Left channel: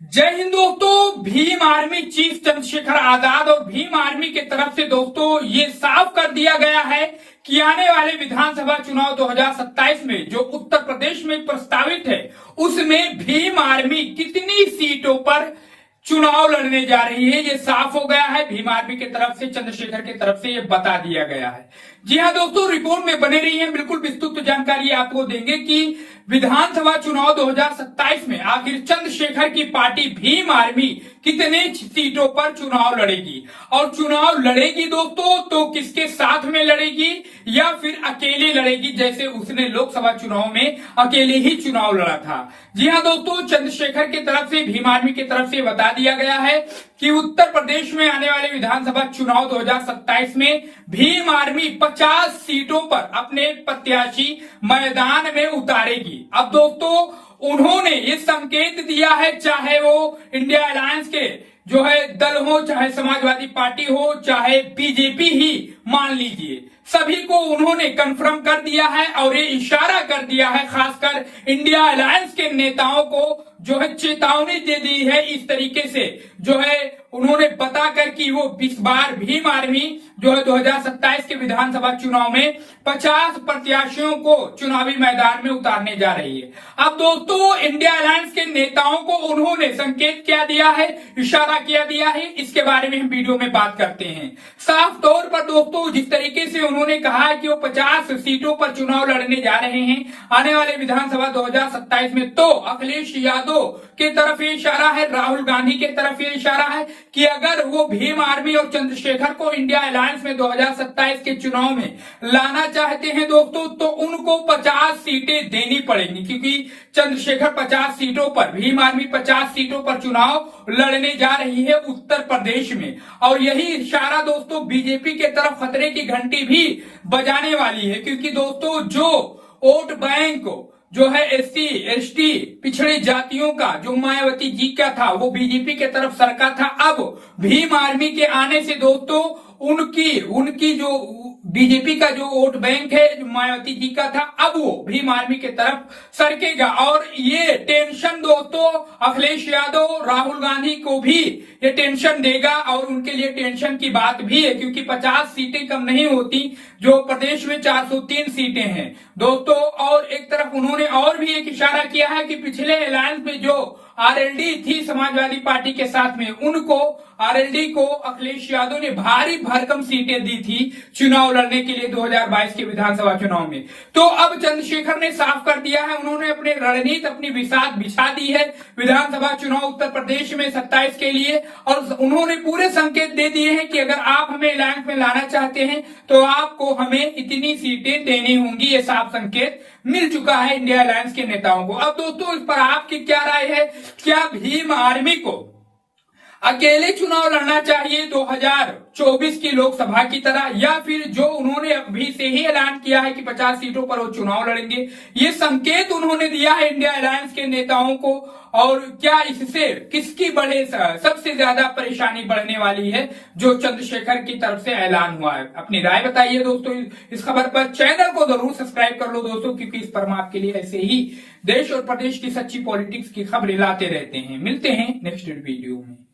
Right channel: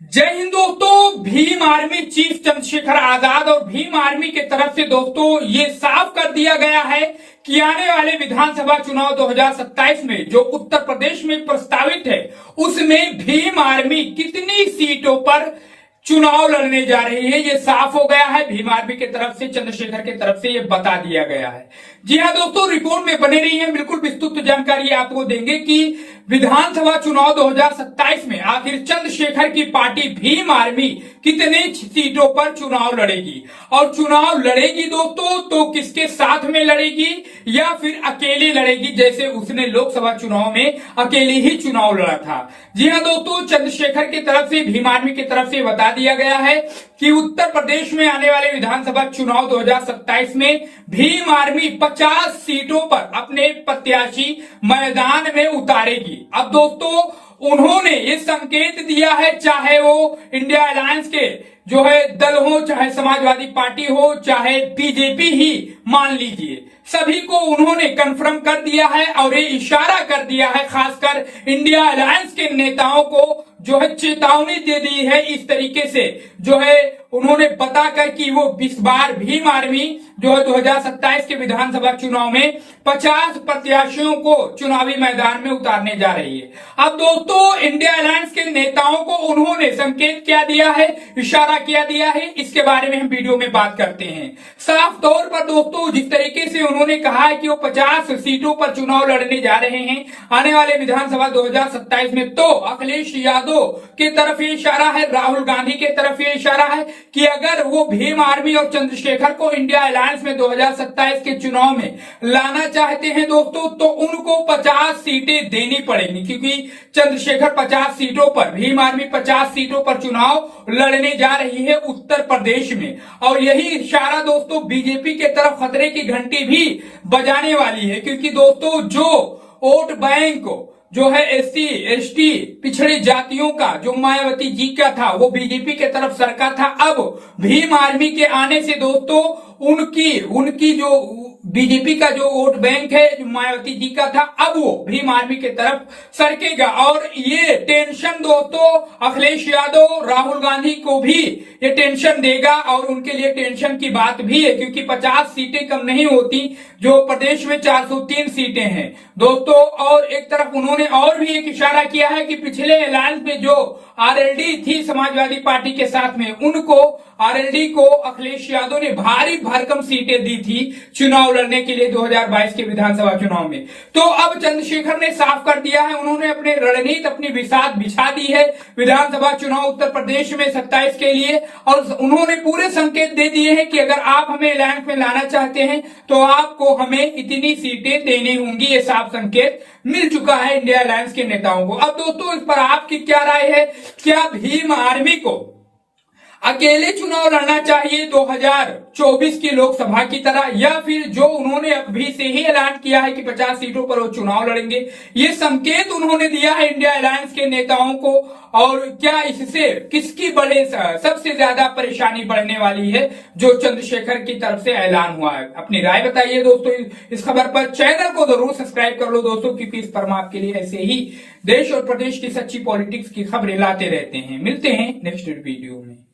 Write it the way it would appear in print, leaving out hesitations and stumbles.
जय हिंद दोस्तों। Bhim army chief Chandrashekhar Azad और भीम आर्मी के तरफ से दोस्तों ये साफ कर दिया गया है कि आने वाले विधानसभा चुनाव 2027 में जो उत्तर प्रदेश में प्रस्तावित है उसमें भीम आर्मी कितनी सीटों पर चुनाव लड़ने जा रही है, ये साफ हो गया है। भीम आर्मी की तरफ से, चंद्रशेखर की तरफ से ये बता दिया गया है। जी हाँ दोस्तों, रिपोर्ट में बने रही है, बिल्कुल विस्तृत जानकारी आपको देंगे कि विधानसभा चुनाव 2027 में आखिर चंद्रशेखर की पार्टी भीम आर्मी कितने सीटों पर चुनाव लड़ेगी और चुनाव लड़ेगी दोस्तों तो किसके साथ में लड़ेगी या फिर अकेले लड़ेगी, जैसे उसने लोकसभा चुनाव में अकेले ही चुनाव लड़ा था। जी हाँ दोस्तों, चंद्रशेखर की तरफ से, भीम आर्मी की तरफ से बता दिया गया है कि उत्तर प्रदेश में आने वाले विधानसभा चुनाव 2027 में भीम आर्मी 50 सीटों पर अपने प्रत्याशी मैदान में उतारेगी। अब दोस्तों उन्होंने ये संकेत दिया है, चाहे वो इंडिया अलायंस के जो है दल हो, चाहे समाजवादी पार्टी हो, चाहे बीजेपी ही मान लीजिए, सभी को उन्होंने कंफर्म कर दिया है और ये इशारा कर दिया है, खासकर इंडिया अलायंस के नेताओं को जो है चेतावनी दे दी है। इस तरीके से जो है उन्होंने बताकर कि वो इस बार भीम आर्मी जो है 2027 के विधानसभा चुनाव में 50 प्रत्याशियों को चुनावी मैदान में उतारने जा रही है। अब दोस्तों इंडिया अलायंस के नेताओं को उन्होंने संकेत क्या दिया है, इशारा क्या दिया है, इसके बारे में हम वीडियो में बात करते हैं। साफ तौर पर दोस्तों जिस तरीके से उन्होंने कहा है कि वो 50 सीटों पर चुनाव लड़ने जा रहे हैं आने वाले विधानसभा 2027 में, तो अखिलेश यादव के तरफ ये इशारा है, राहुल गांधी के तरफ ये इशारा है कि अगर वो भीम आर्मी और चंद्रशेखर को इंडिया अलायंस में 2027 के चुनाव में लाना चाहते हैं दोस्तों तो उनको 50 सीटें देनी पड़ेंगी, क्योंकि चंद्रशेखर 50 सीटों पर, भीम आर्मी 50 सीटों पर चुनाव लड़ने जा रही है उत्तर प्रदेश में। और यही इशारा दोस्तों बीजेपी के तरफ खतरे की घंटी भी बजाने वाली है, क्योंकि दोस्तों जो वोट बैंक जो है एससी एसटी पिछड़ी जातियों का जो मायावती जी का था वो बीजेपी के तरफ सरका था। अब भीम आर्मी के आने से दोस्तों उनकी जो बीजेपी का जो वोट बैंक है जो मायावती जी का था, अब वो भीम आर्मी के तरफ सरकेगा। और ये टेंशन दोस्तों अखिलेश यादव, राहुल गांधी को भी ये टेंशन देगा और उनके लिए टेंशन की बात भी है, क्योंकि 50 सीटें कम नहीं होती, जो प्रदेश में 403 सीटें हैं दोस्तों। और एक तरफ उन्होंने और भी एक इशारा किया है कि पिछले अलायंस में जो आरएलडी थी समाजवादी पार्टी के साथ में, उनको आरएलडी को अखिलेश यादव ने भारी भरकम सीटें दी थी चुनाव लड़ने के लिए 2022 के विधानसभा चुनाव में। तो अब चंद्रशेखर ने साफ कर दिया है, उन्होंने अपने रणनीति, अपनी बिसात बिछा दी है विधानसभा चुनाव उत्तर प्रदेश में 27 के लिए, और उन्होंने पूरे संकेत दे दिए हैं कि अगर आप हमें अलायंस में लाना चाहते हैं तो आपको हमें इतनी सीटें देनी होंगी। ये साफ संकेत मिल चुका है इंडिया अलायंस के नेताओं को। अब दोस्तों इस पर आपकी क्या राय है, क्या भीम आर्मी को अकेले चुनाव लड़ना चाहिए 2024 की लोकसभा की तरह, या फिर जो उन्होंने अभी से ही ऐलान किया है कि 50 सीटों पर वो चुनाव लड़ेंगे, ये संकेत उन्होंने दिया है इंडिया अलायंस के नेताओं को, और क्या इससे किसकी सबसे ज्यादा परेशानी बढ़ने वाली है जो चंद्रशेखर की तरफ से ऐलान हुआ है। अपनी राय बताइए दोस्तों इस खबर पर। चैनल को जरूर सब्सक्राइब कर लो दोस्तों, क्योंकि इस पर हम आपके लिए ऐसे ही देश और प्रदेश की सच्ची पॉलिटिक्स की खबरें लाते रहते हैं। मिलते हैं नेक्स्ट वीडियो में।